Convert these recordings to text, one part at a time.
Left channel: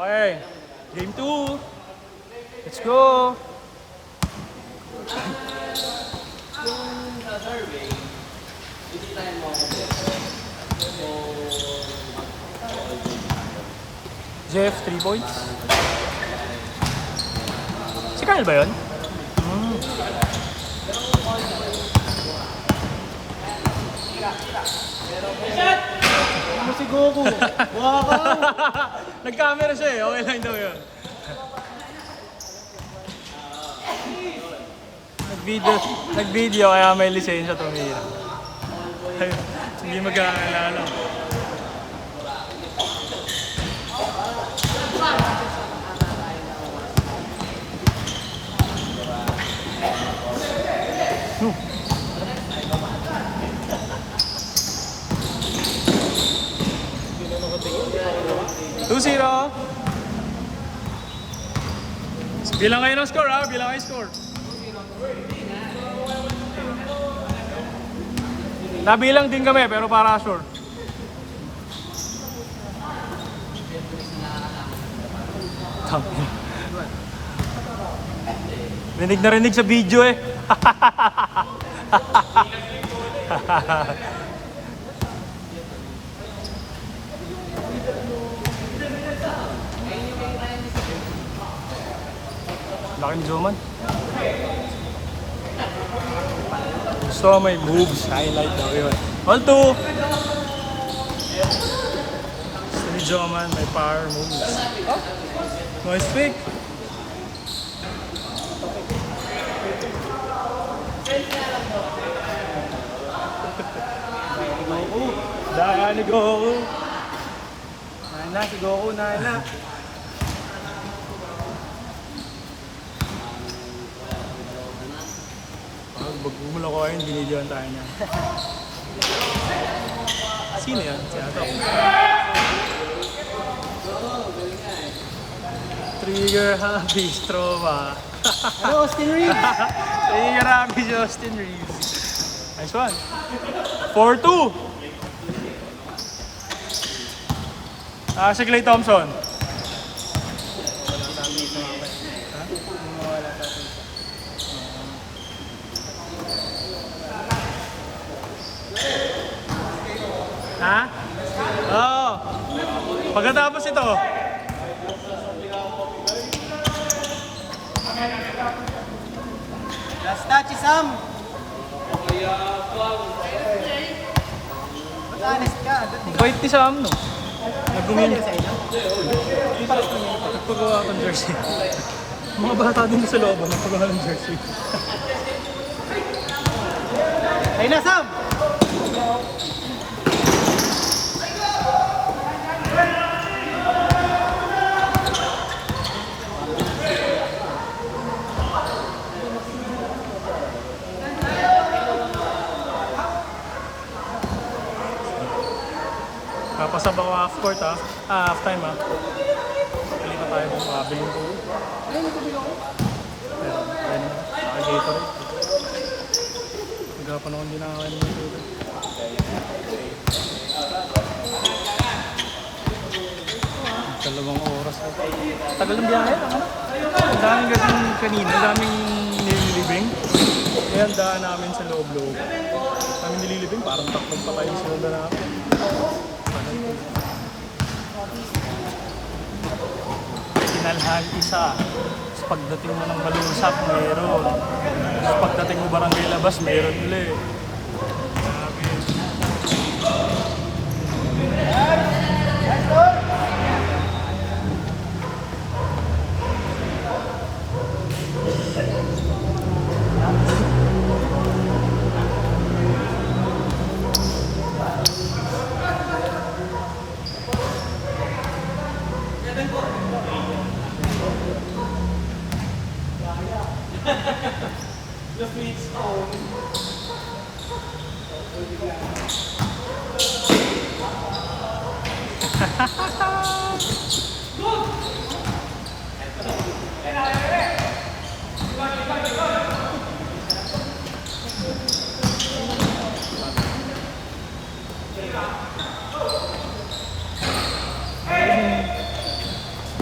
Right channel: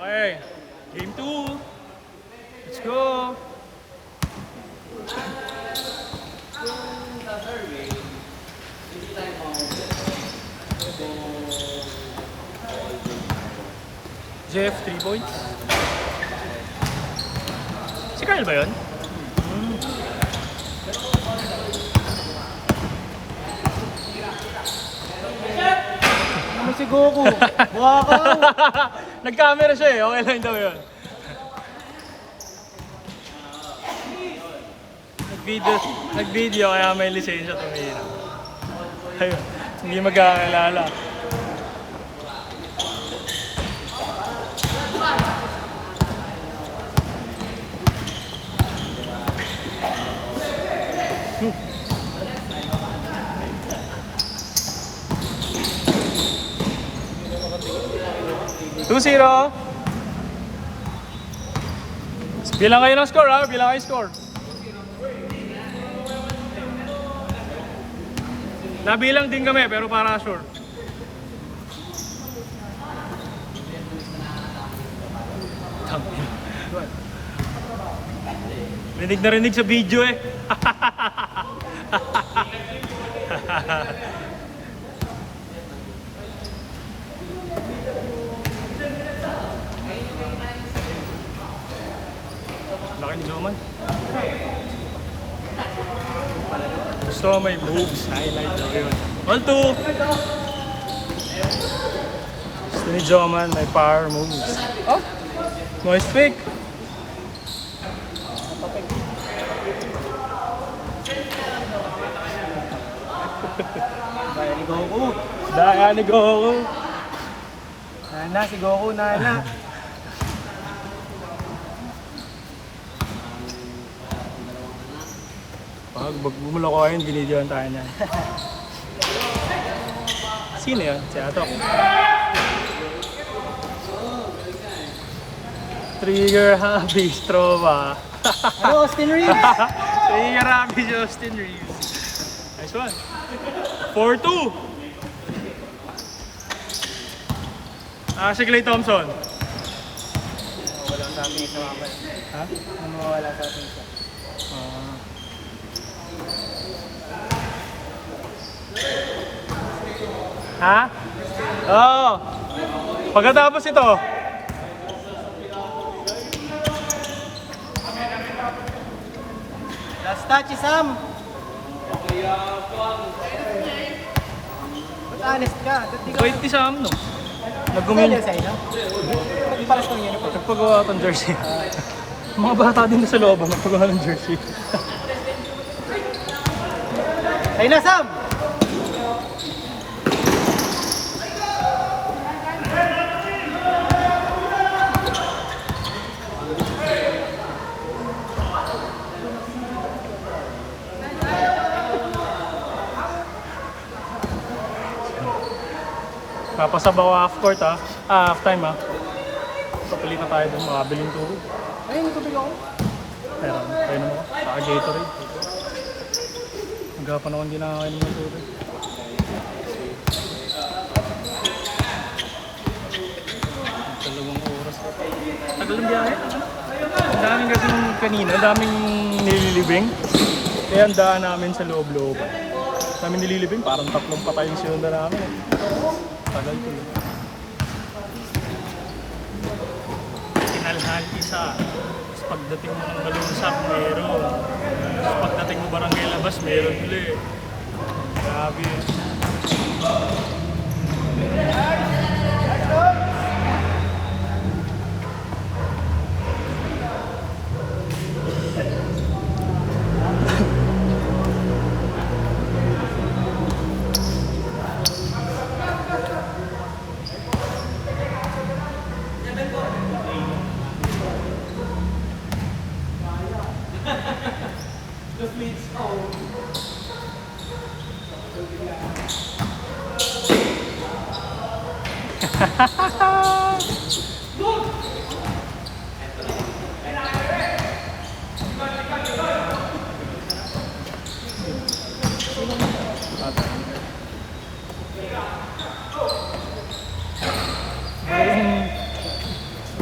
Okay. Game 2. Let's go. Jeff, 3 points. Si Kyle ba yun? Ano si Goku? Wow! Nag-camera siya eh. Okay lang daw yun. Nag-video kaya may lisensya ito ngayon. Ayun, hindi magkakaalala. Two 0. Bilang kayo ng score ha, bilang kayo score. Nabilang din kami pero para sure. Rinig na rinig sa video eh. Laking zoom man. Gusto ko may moves, highlight na yun. 1-2! Steve Zoman, may power moves. Oh! Nice pick! Daya ni Goku! Nana, si Goku, Nana. Pag magbulo ko yun, binidyoan tayo niyan. Sino yun? Si Ato. Trigger Happy Stroba. Austin Reeves. Trigger Happy si Austin Reeves. Nice one. 4-2. Si Klay Thompson. Ha? Oo. Pagkatapos ito. Last touch, Sam. Ba't honest ka? Bait ni Sam, no? Nag-ruming. Sa inyo? Nagpagawa akong jersey. Mga bata din sa loob, nagpagawa ng jersey. Ayun na, Sam! Papasabaw ako half court ha. Half time ha. Palito tayo doon, makabili ng tubig. Ayun, tubig ako. Ayan, ayan mo. Gatorade. Hindi pa naman dinaan yung tubig. Dalawang oras pa. Tagal ng biyahe. Ang daming gating kanina, ang daming nililibing. Kaya ang daan namin sa loob-loob. Kami nililibing, parang tatlong pa kayong sinunda namin. Kinalhal isa. Sa pagdating mo ng Balusak, meron. Sa pagdating mo Barangay Labas, meron ulit. Grabe yun.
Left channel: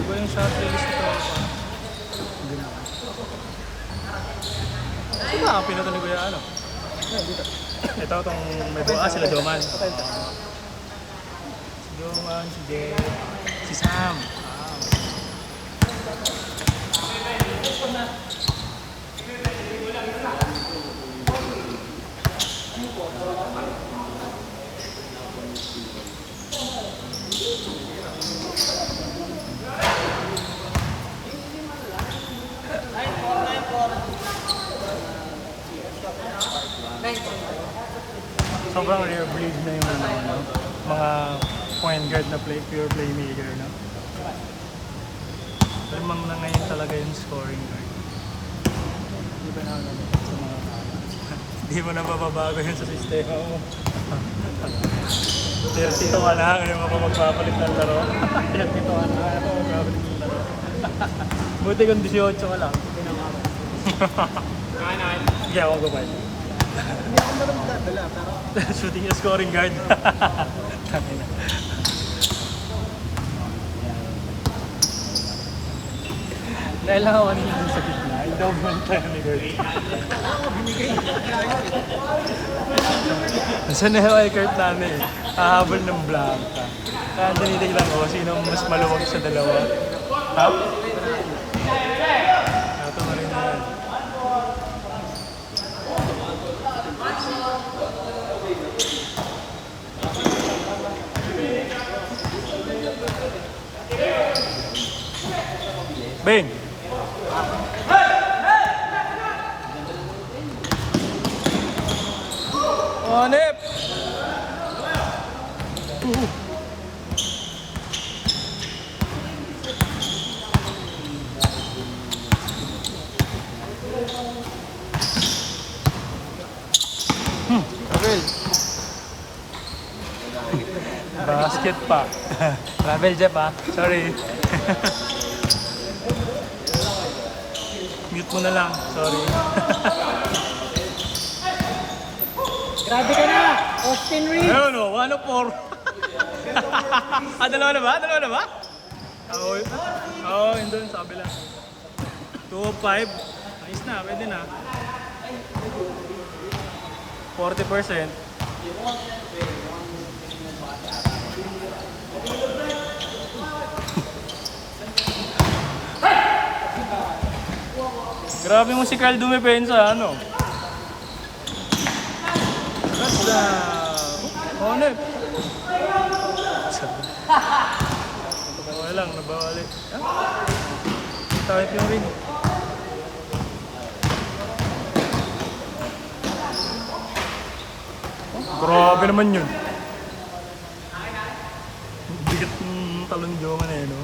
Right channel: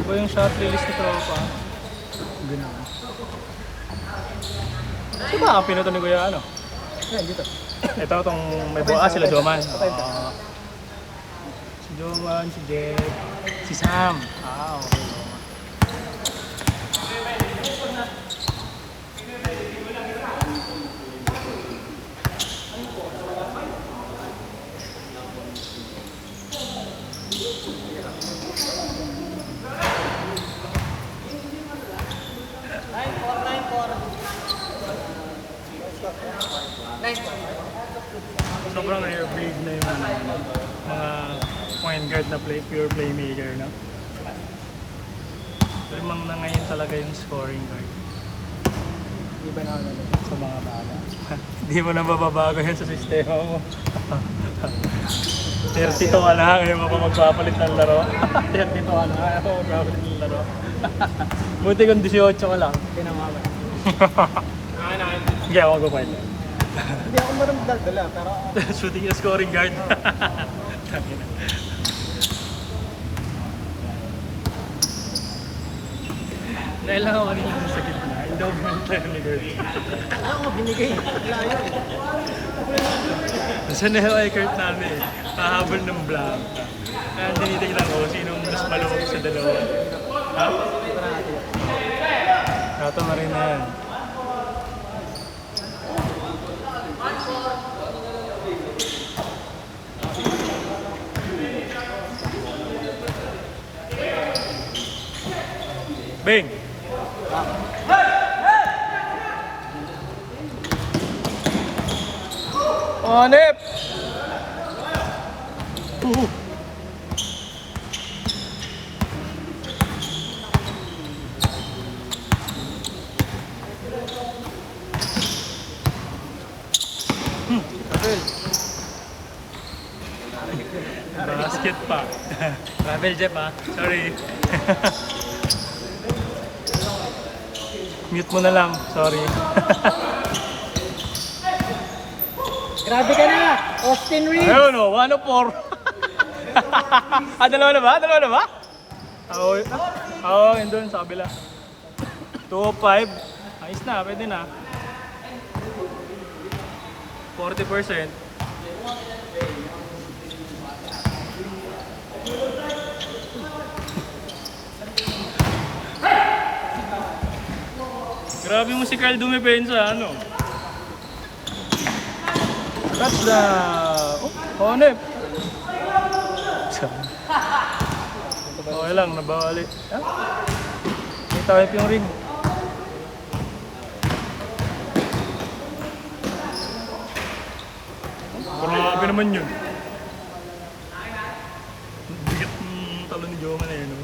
ba yung shot release na tropa? Hindi na. Sino ka pinutunog yung ano? Yan, dito. Ito itong may buwa. Sila Duman. Si Duman, si Derek, si Sam. Sobrang rare breed na yung mga point guard na pure playmaker, no? Limang na ngayon talaga yung scoring guard. Hindi mo na mababago yun sa sistema mo. 32 ka lang, yung mga magpapalit ng laro. 32 ka lang, magpapalit ng laro. Buti kung 18 ka lang. Sige, ako gumay. Hindi ako marunong dala, pero Shooting yung scoring guard. Dahil nakawan mo dun sa gitna, daw mo ang tayo ni Kurt. ano ko binigay? Layo eh. Isa na yung ay Kurt namin eh. Hahabol ng blanca. Kaya tinitignan ko, sino ang mas malamang sa dalawa. Ha? Ito na rin yan. Bing! Hanip! Basket pa. Travel Jeff ah. Sorry. Mute mo na lang. Sorry. Grabe ka na! Austin Reed! Ayun o, 104. Dalawa na ba? Dalawa na ba? Oo, yun doon sa kabila. 205. Ayos na, pwede na. 40%. Grabe mo si Carl dumepensa, ano? Honep! Okay lang, nabalik. Typing rin. Grabe naman yun. Bigat ng talon jowa na yun, no?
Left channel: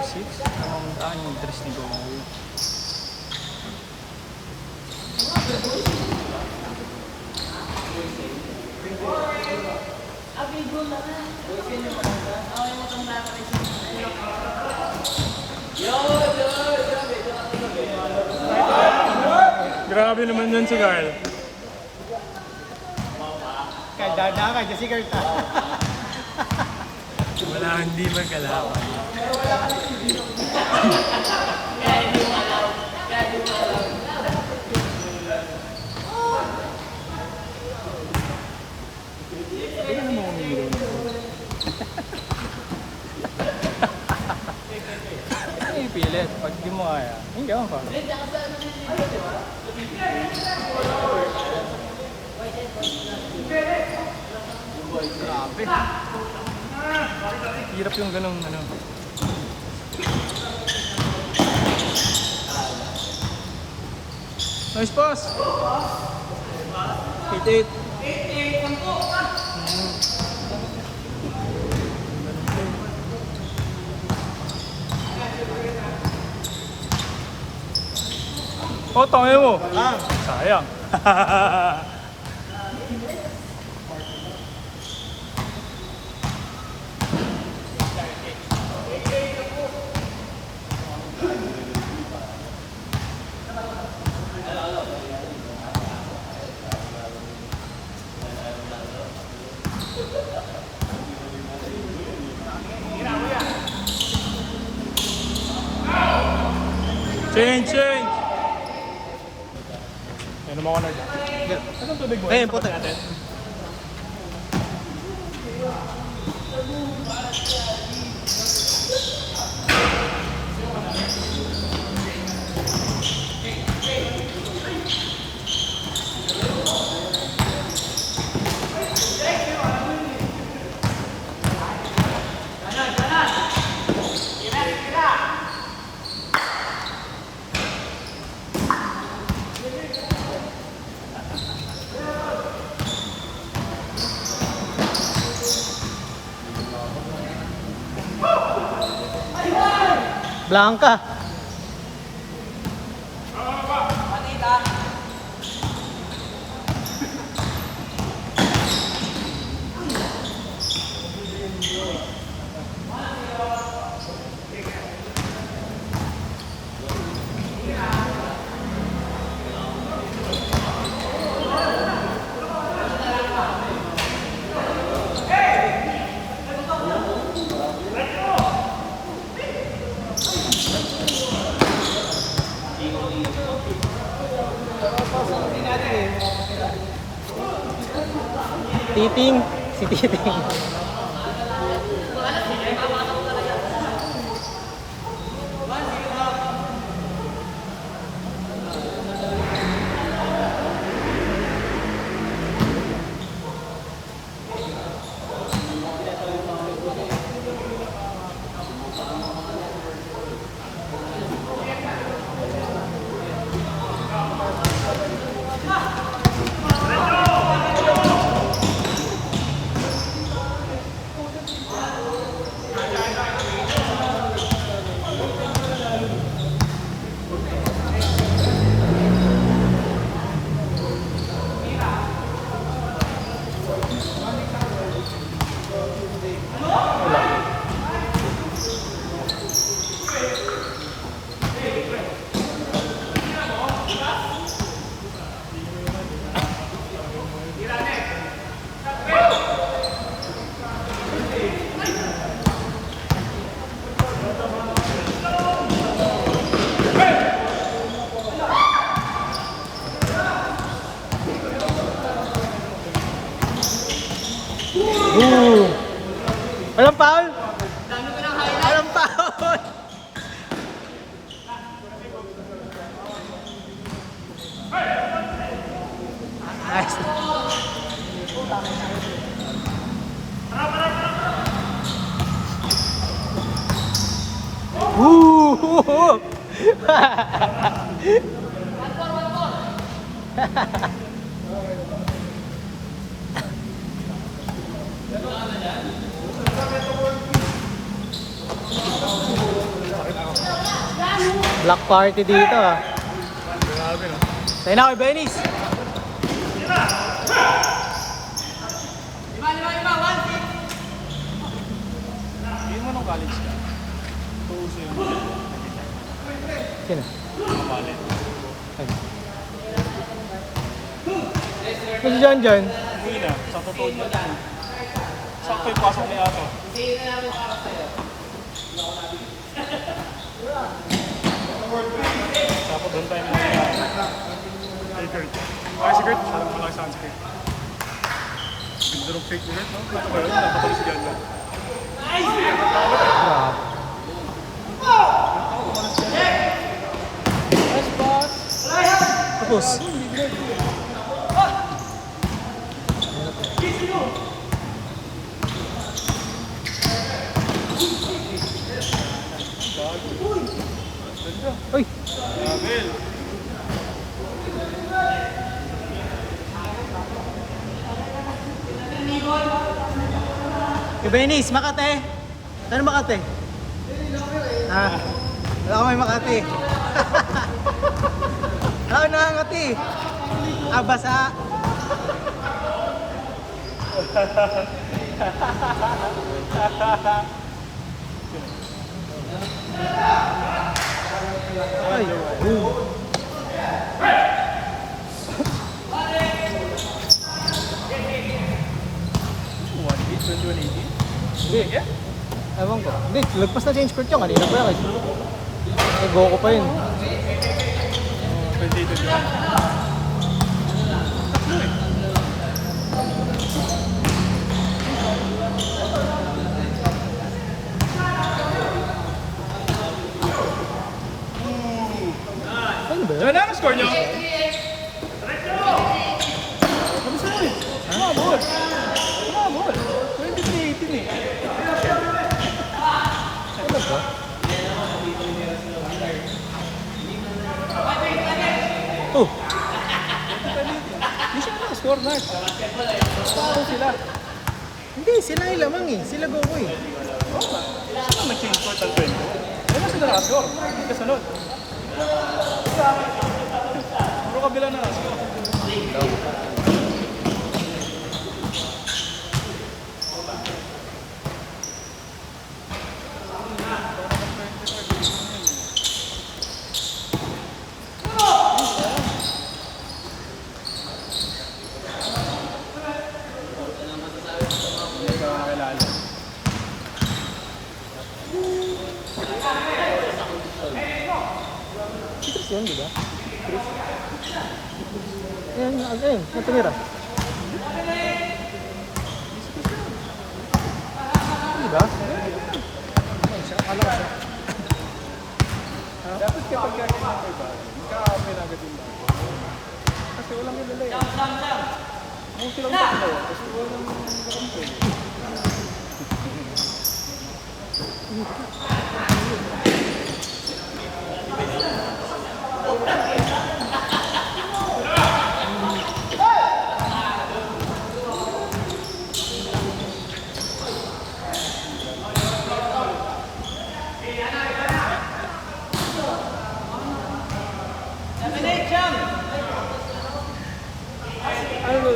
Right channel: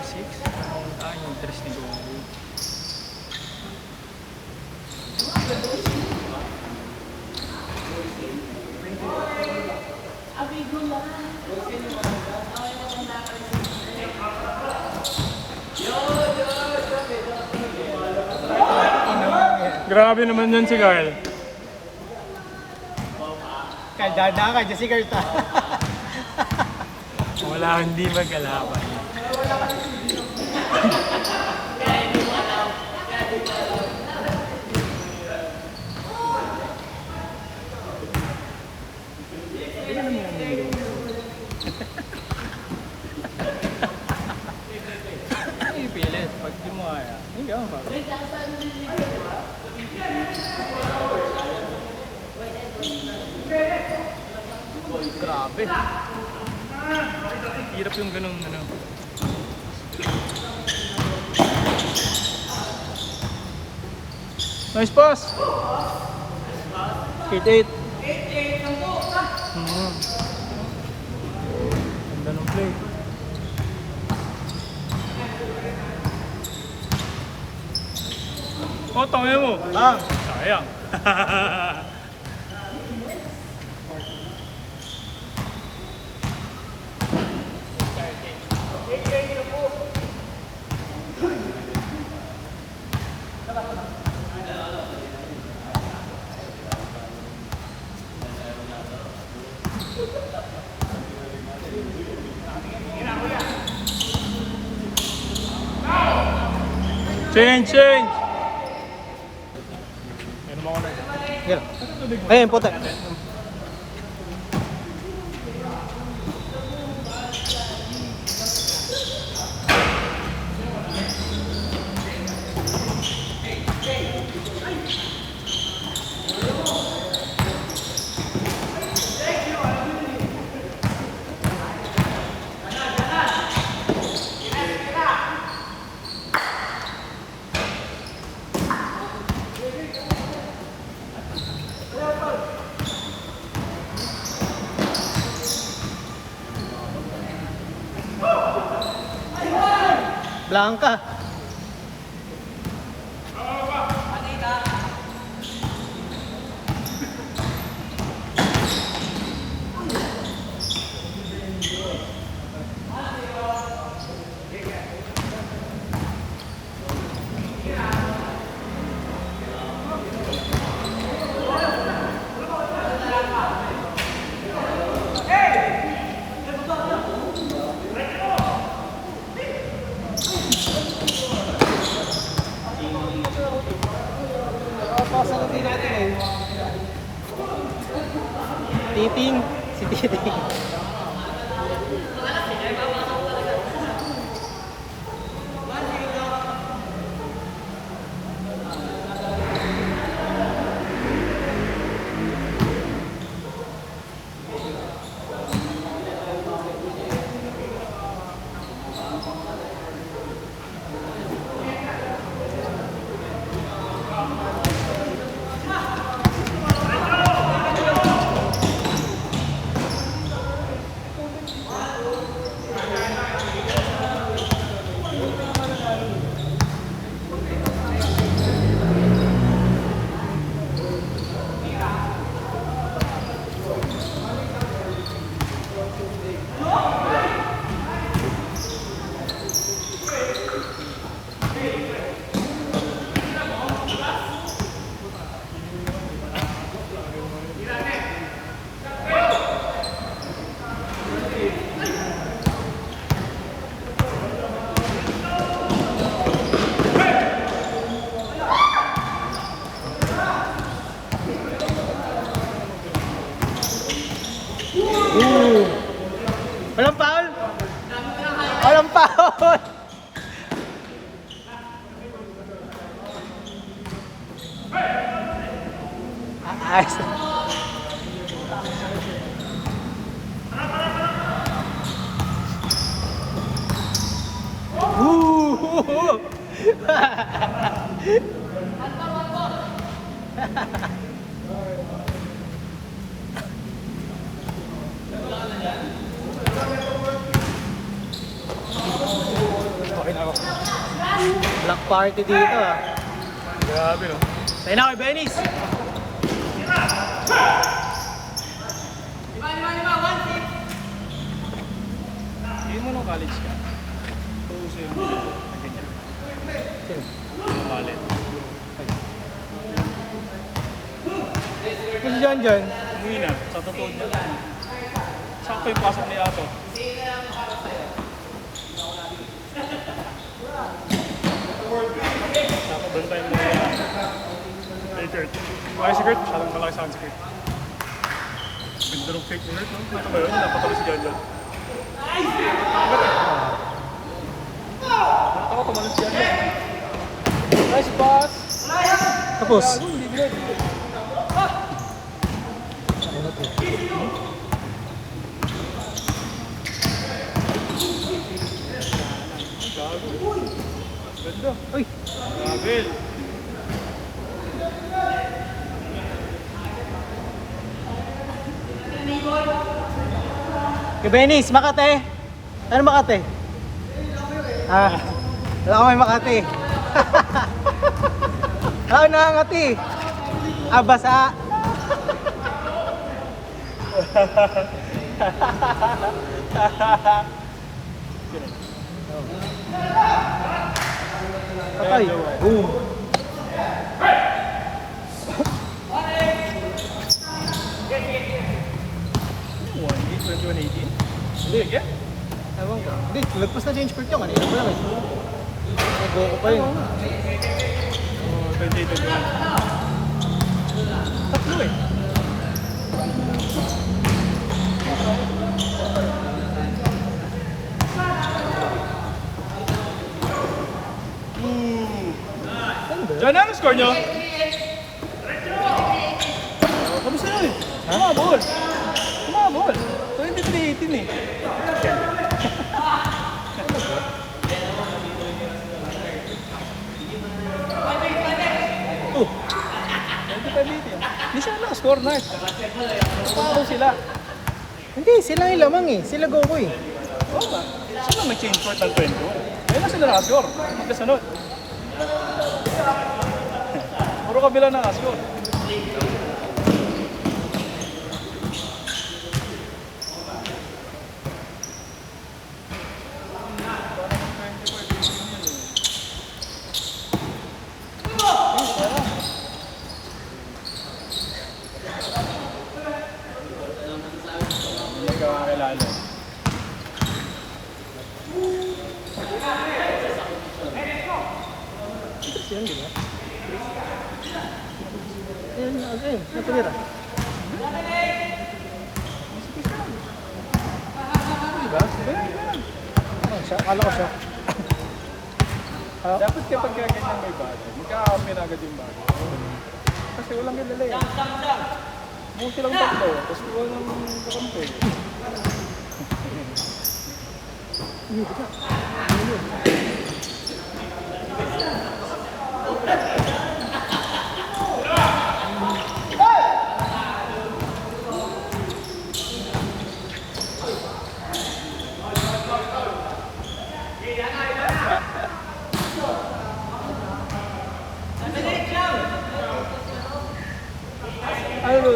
4-6? Ang interest ni Gomawi. Grabe naman yan si Kyle. Kaya dadaan ka, si Kurt. Wala, hindi magkalaban. Hindi naman mo umiro. Ang pilit, pag di mo kaya. Hindi ako pa. Grabe. Hirap yung ganong ano. Nice pass. 8-8. Ganun play. Oh, tangin mo. Ah, sayang. Change! Ano mo ko na? Ayun, puto. Blanca. Titing, si Titing. Walang foul? Walang foul! Nice. Woo! Black party dito ah. Grabe no? Tayo na kay Benis. Hindi mo nung college ka. Tuuso yung ganyan. Sino? Yung wallet. Kasi dyan. Umuwi na. Sa totoo dyan. Sakto yung pasok ni Ato. Tapos doon tayo mo kay Kurt. Ay si Kurt, masyadong malaki sa akin si Kurt. Ganda ng fake ni Kurt, no? Nata ba yun? Napatalo si Jan Jan. Tapos. Gago. Ganda. Uy! Gabel. Kay Benis, Makate. Ano Makate? Ah, wala ko may Makate. Ah, nangangati. Ah, basa. Patay. Boom. One hit, 21-18. Doing it? Ewan ko. Hindi, lagpas na change court yung kanina. May Goku pa yun. Oh, 2021. Tatlo eh. John, ano score nyo? Ha? 23-18 eh. Oh, Hindi siya score na. Score sila. hindi. Sila yung lamang eh. Sila Goku eh. Sino nag-change sa Talpen? Ano sila na-score? Kasunod. Puro kabila na score. Chris yun, di ba? Yan, ayun. Yung tumira. Di ba? Ayun siya. Kala ko siya. Ha? Dapat kapag gagawin mo ito, hindi ka agad yung kasi walang nilala eh. Yung sila mo kasi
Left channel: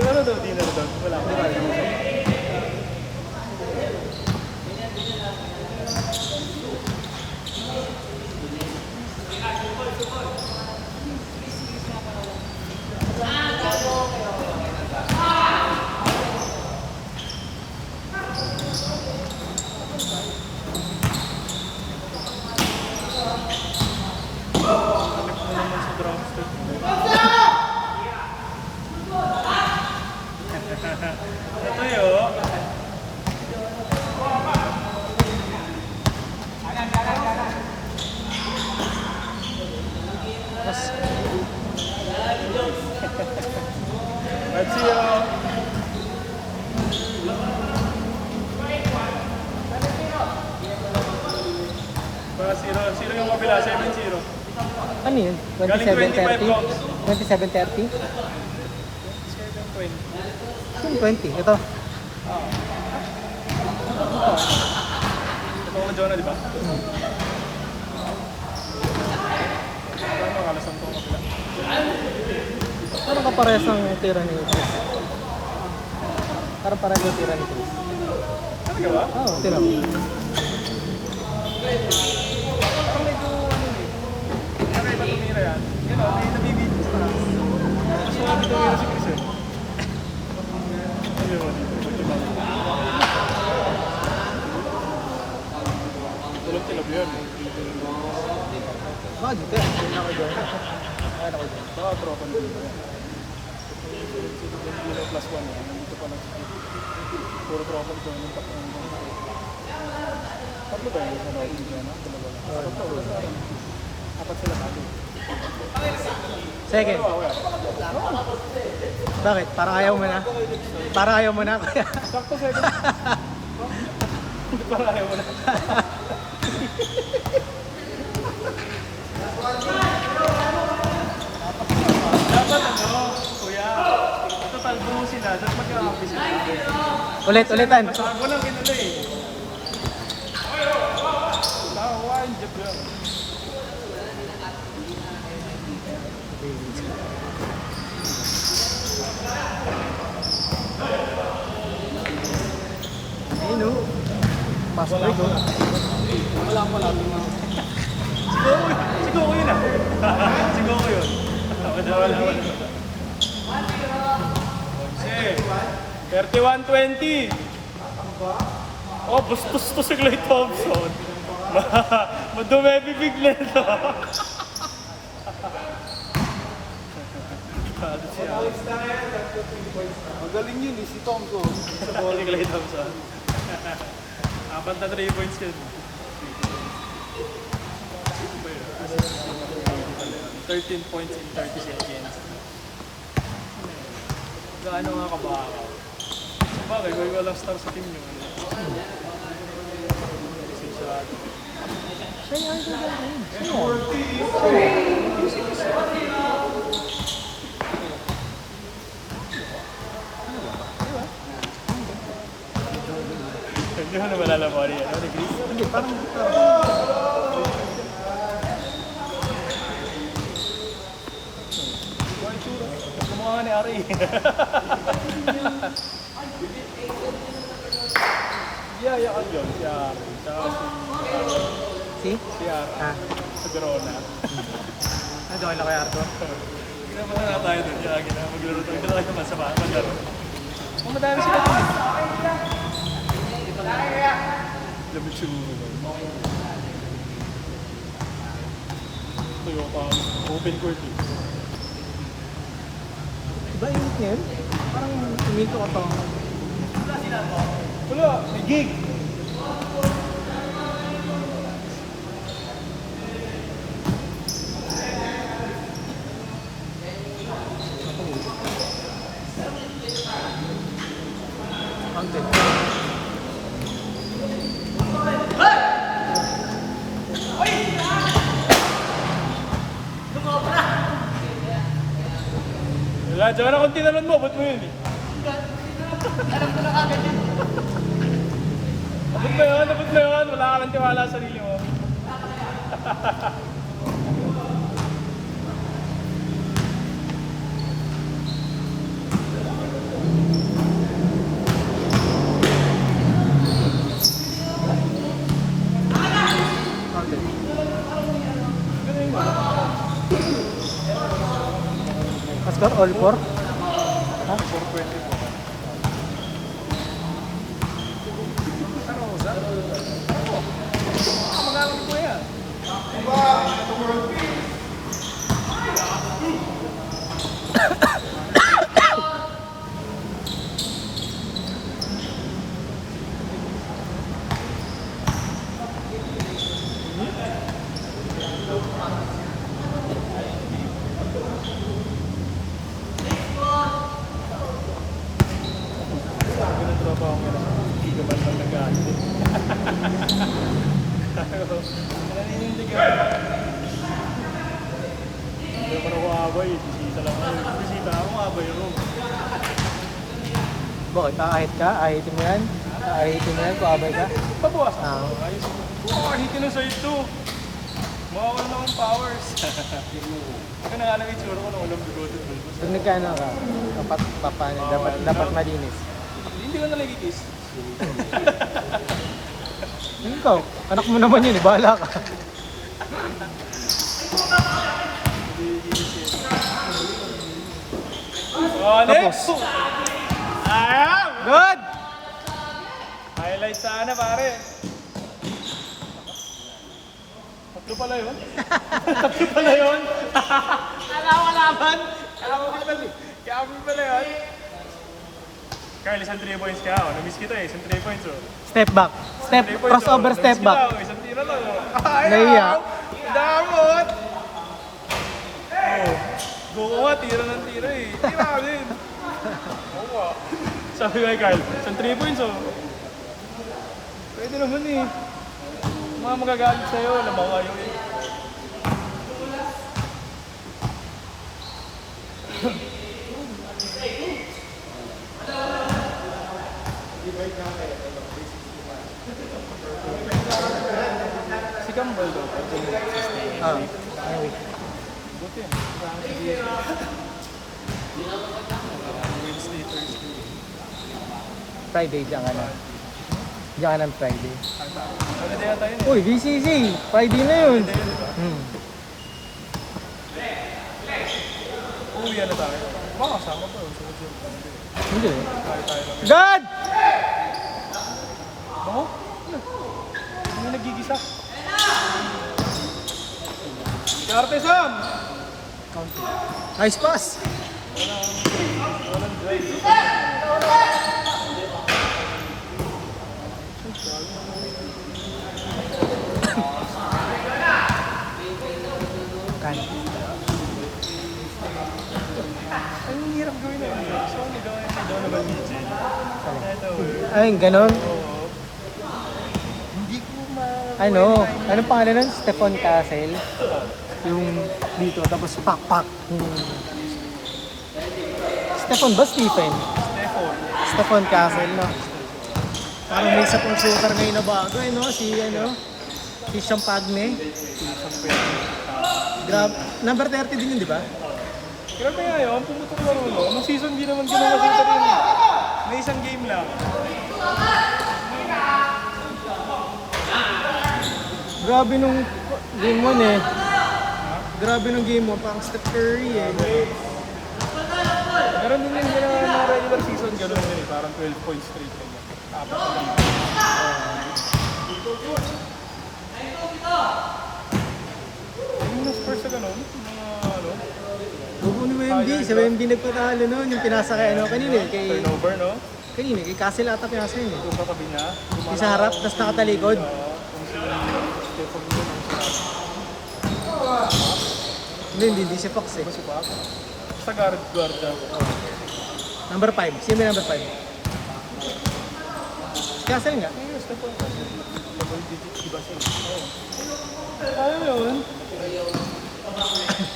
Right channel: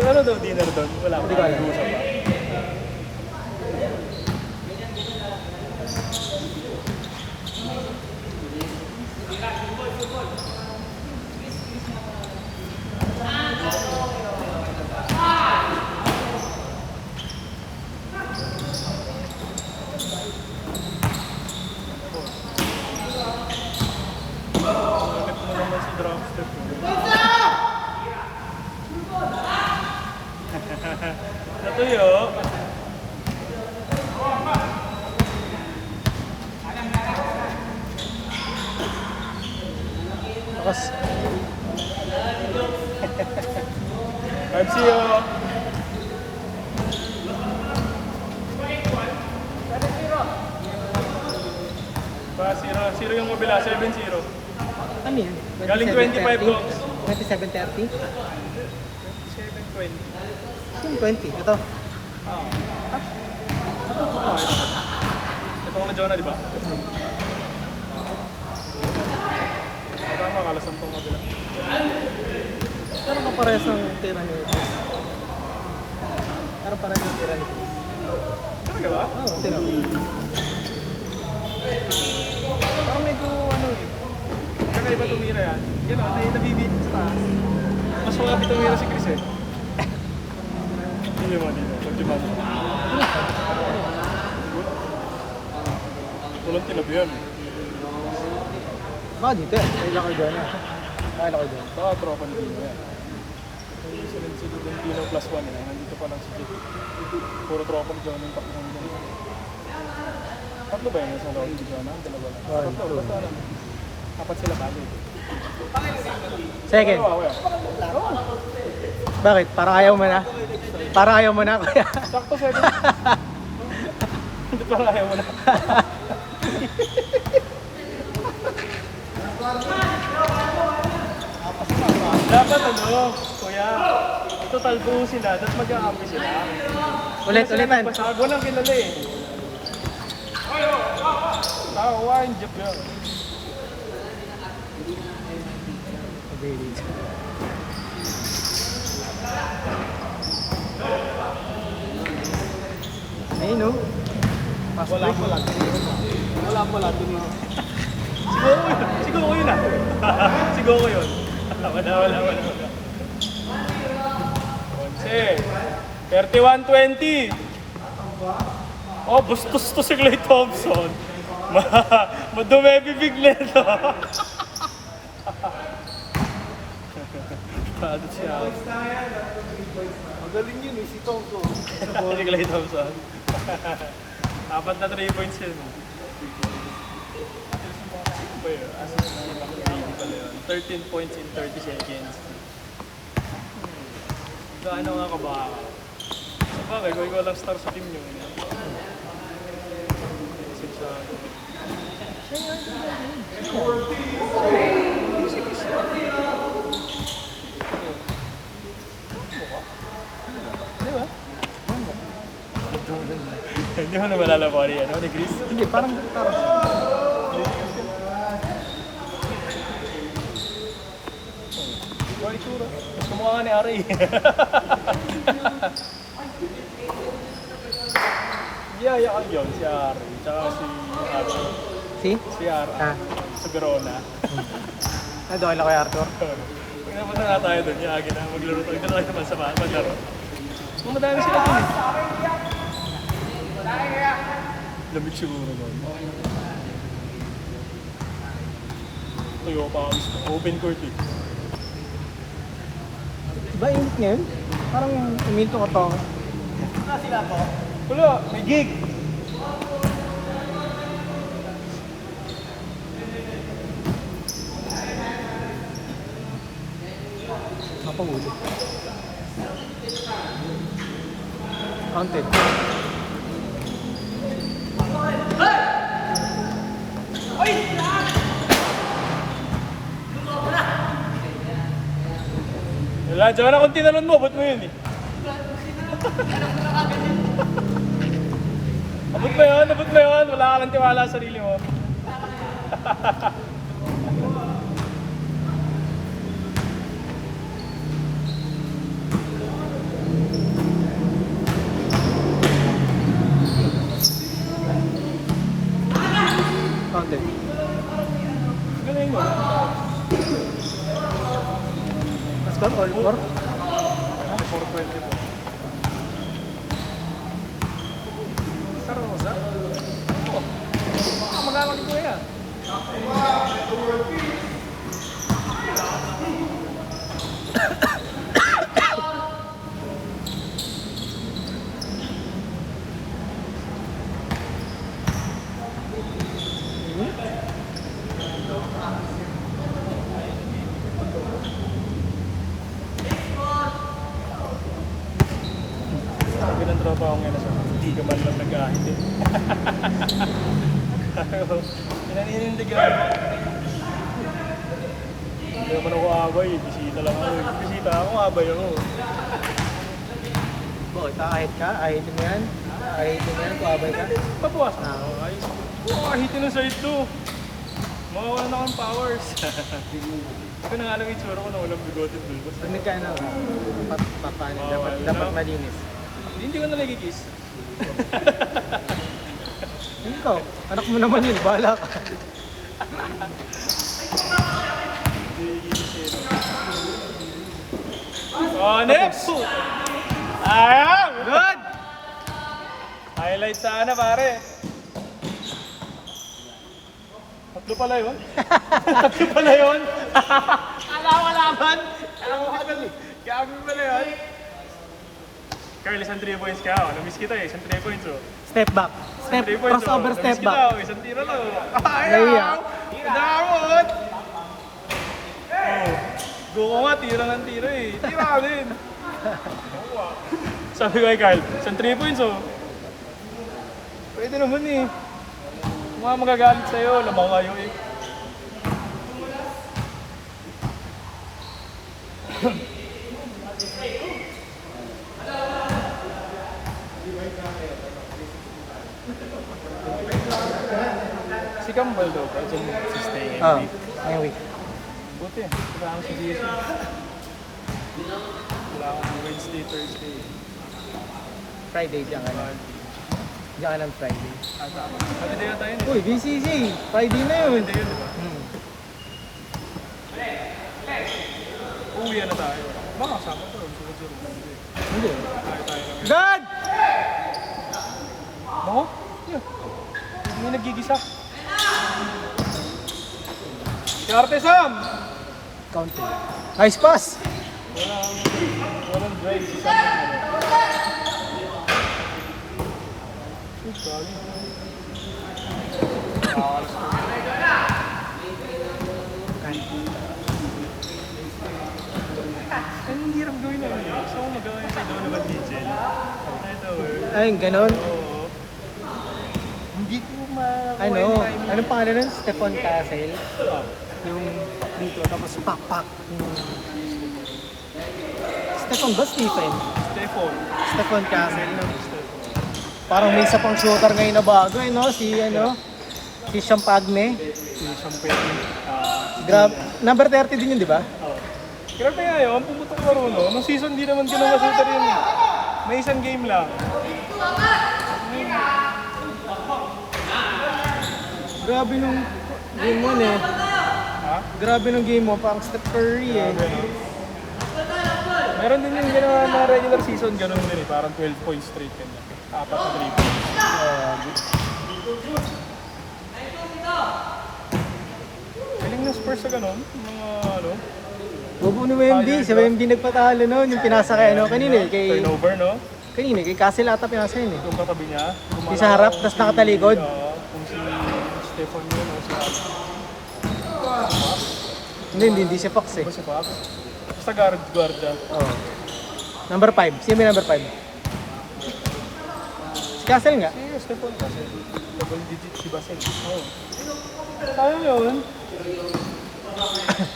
ano daw dinner daw? Wala. Di ba? Hanap mo naman si drop step. Natuyo. Tapos, Let's see you. Pa, 0 yung kabila, 7-0. ano yun? Galing 25 blocks. 27-30? 7-20. Saan 20? Ito. Ah. Oh, ito. Ito ko na Jonah, di ba? Tama, kalasang ko kabila. Ano ka parehas ng tira niyo? Parang parang yung tira niyo. Talaga ba? Oo, tira. Parang medyo ano eh. Kakaiba tumira yan. Yan o, nabibit pa. Mas sumabit tumira si Chris eh. Ano yun dito? Diba? Dalawang kilo yun. Dito yan. Nakala ko dito. Baka tropa mo dito. Plus 1 eh. Nandito pa lang si Chris. Puro tropa ko dyan. Tatlo ba yun? Sa mga hindi dyan? Dapat sila sabi. Second. Bakit? Para ayaw mo na? Para ayaw mo na kaya? Sakto 7. Hindi pa ayaw mo na. Dapat ano, kuya, total buhusin na, tapos mag-a-average sila. Ulit, ulitan. Walang kilala eh. One jeep yun. Ayun o. Pasok break o. Siguro ko yun ah. Siguro ko yun. Wala. Okay. 31-20. Oh, bustos to si Clay Thompson. Madumi bibig na ito. Galing yun eh, si Thompson. Clay Thompson. Apat na 3 points yun. Sino ba yun? Assist si McGrady pala yun. 13 points in 30 seconds. Gaano nga kabakaw? Sa bagay, kung ikaw lang star sa team nyo. Sinsado. Hindi mo na malala ko ano si Chris? Hindi, parang... Kumuha ni Ari. Yaya ka dyan, siya Si? si Ari, Ah. si Corona. Nagawin na kay Arthur. Kaya punta na tayo doon, yagi na maglaro tayo. Dalawa naman sa paglaro. Kung madami sila doon eh. Lamig siya muna doon. Iyo pa, open court eh. Diba init ngayon? Parang umito ka pa. Wala sila po? Wala, may gig. Counted. Wala, dyan na kung tinalon mo, ba't mo yun eh? Abot ba yan? Wala ka nang tiwala sa sarili mo. Counted. Ganun mo. Let's go, all four. Ano, 420 po. Taro mo, sir? Taro mo. Baka magalang ko yan. Ganun daw po ang hindi ka ba lang nag-aakit? Naninindig yun. Pero ako abay, bisita lang ako. Bisita ako, abay ako. Bakit? Ahit ka? Ahitin mo yan? Ahitin mo yan? Kuabay ka? Pabawas na ako. Ayos. Hitin ng side 2. Mawawala na akong powers. Hindi ko na nga lang itsura ko na walang bigote at bulbos. Pag nagkano ka, dapat papaano, Bawal dapat na. malinis. Hindi ko na nagkikiss. Ano ba? Anak mo naman yun, bahala ka. Hindi kikiss yun. Oh, next! Ayaw! Good! Highlight sana pare. Tatlo pala yun. Tatlo pala yun. Alam ko laban. Kami pala yun. Carl, isang 3 points ka. Oh. Na-miss kita eh. Isang 3 points oh. Step back. Step, 3 points crossover oh. step Na-miss kita back. oh. Isang tira lang oh. Naiya. Ayaw! Damot! Oh. Go ko nga. Tira ng tira eh. Tira din. Sabi ko kay Carl, isang 3 points oh. Pwede naman eh. Mga magagalit sa'yo, lamang kayo eh. Si Campbell daw, sa stay Oh, every week. anyway. Buti, wala akong sabihin siya. Wala akong Wednesday, Thursday. Friday diyan ka na. Diyan ka ng Friday. Holiday na tayo na Uy, BCC! Friday na yun. Holiday yun, di ba? Uuwi na tayo. Baka kasama ko yun, sunod-sunod. Hindi. Tayo lang yun. God! Ako? Hindi nagigisa. Karte Sam! Nice pass. Ang hirap gawin na yun. Gusto ko magawa yung kay Donovan Mitchell. Ito, Ay, ganun. oo. Hindi ko makakuha Ano? yung timing. Anong pangalan nun? Stephon Castle. Ah, Yung dito, tapos pak-pak. Stephon ba? Stephen? Stephon. Stephon Castle, no? Parang may isa pang shooter ngayon na bago, eh, no? Si, ano? Si Champagne. Number 30 din yun, di ba? Grabe nga yun, ang pumunta ko no? Nung season di naman ganun masita rin eh. May isang game lang. Grabe nung game mo, eh. Grabe nung game mo, parang Steph Curry, eh. Meron din yung ginawa ng regular season, ganun din eh. Parang 12 points straight yun. Apat na rebound. Galing ng Spurs sa ganun. May ano, Bobo ni Wemby. Si Wemby nagpatalo noon. Yung pinasa kay, ano, kanina, eh. turnover, no? Kanina, kay Castle ata pinasa yun, eh. Kung katabi niya. Yung sa harap, tapos nakatalikod. Hindi siya Fox, eh. Basta guard yan. Number 5. Sino may number 5? Castle nga. Yes, ito. Double digit si Basil. Ayun yun.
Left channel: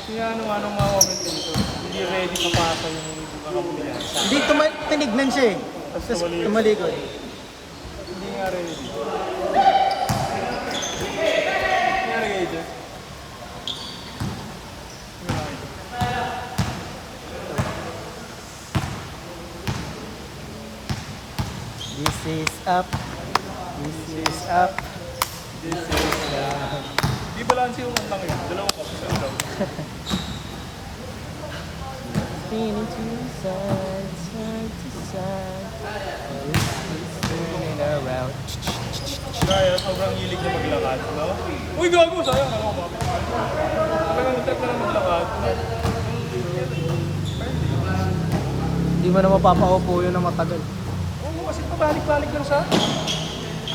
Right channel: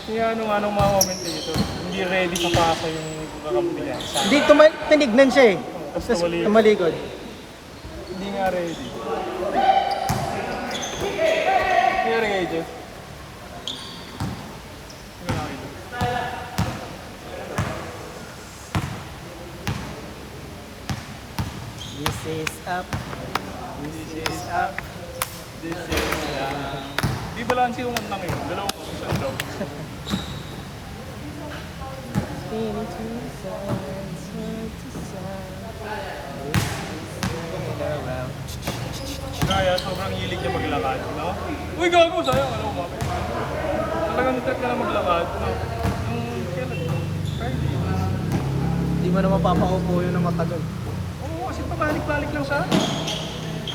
Kaya ano mga moment dito. Hindi ready to pasa yung bilang. Hindi, tinignan siya, eh. Tapos tumalikod. Hindi nga ready. Hindi nga ready. Wala kayo. This is up. This is up. This is down. Di balanse yung lang yun. Dalawang up, isang down. Spinning to sides, side to side. Kaya sobrang hilig niya maglakad, no? Uy, gago! Sayang, ano, umapit. Talagang trip na lang maglakad, no? Nung kailan? Friday. Hindi mo na mapapaupo yun ng matagal. Oo, kasi pabalik-balik lang siya.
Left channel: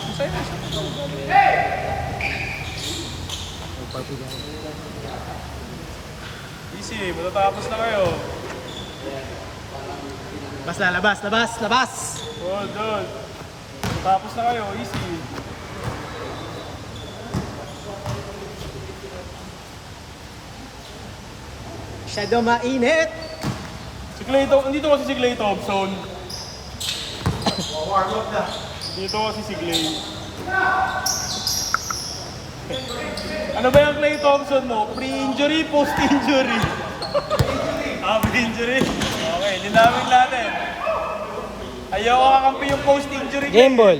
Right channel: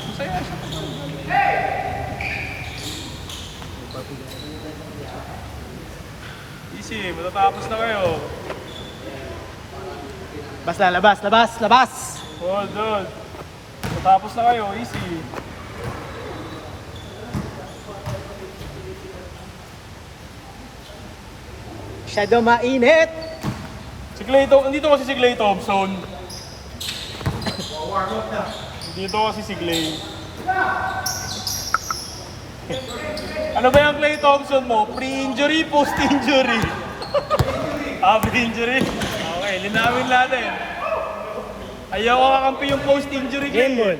Masaya siya pabalik-balik. Easy, matatapos na kayo. Labas. Hold. Matatapos na kayo, easy. Masyado mainit. Si Clay Thompson, hindi to kasi si Clay Thompson. Dito kasi si Clay. Ano ba yung Clay Thompson mo? Pre-injury, post-injury? Pre-injury? Okay, linawin natin. Ayaw kakampi yung post-injury. Game ball.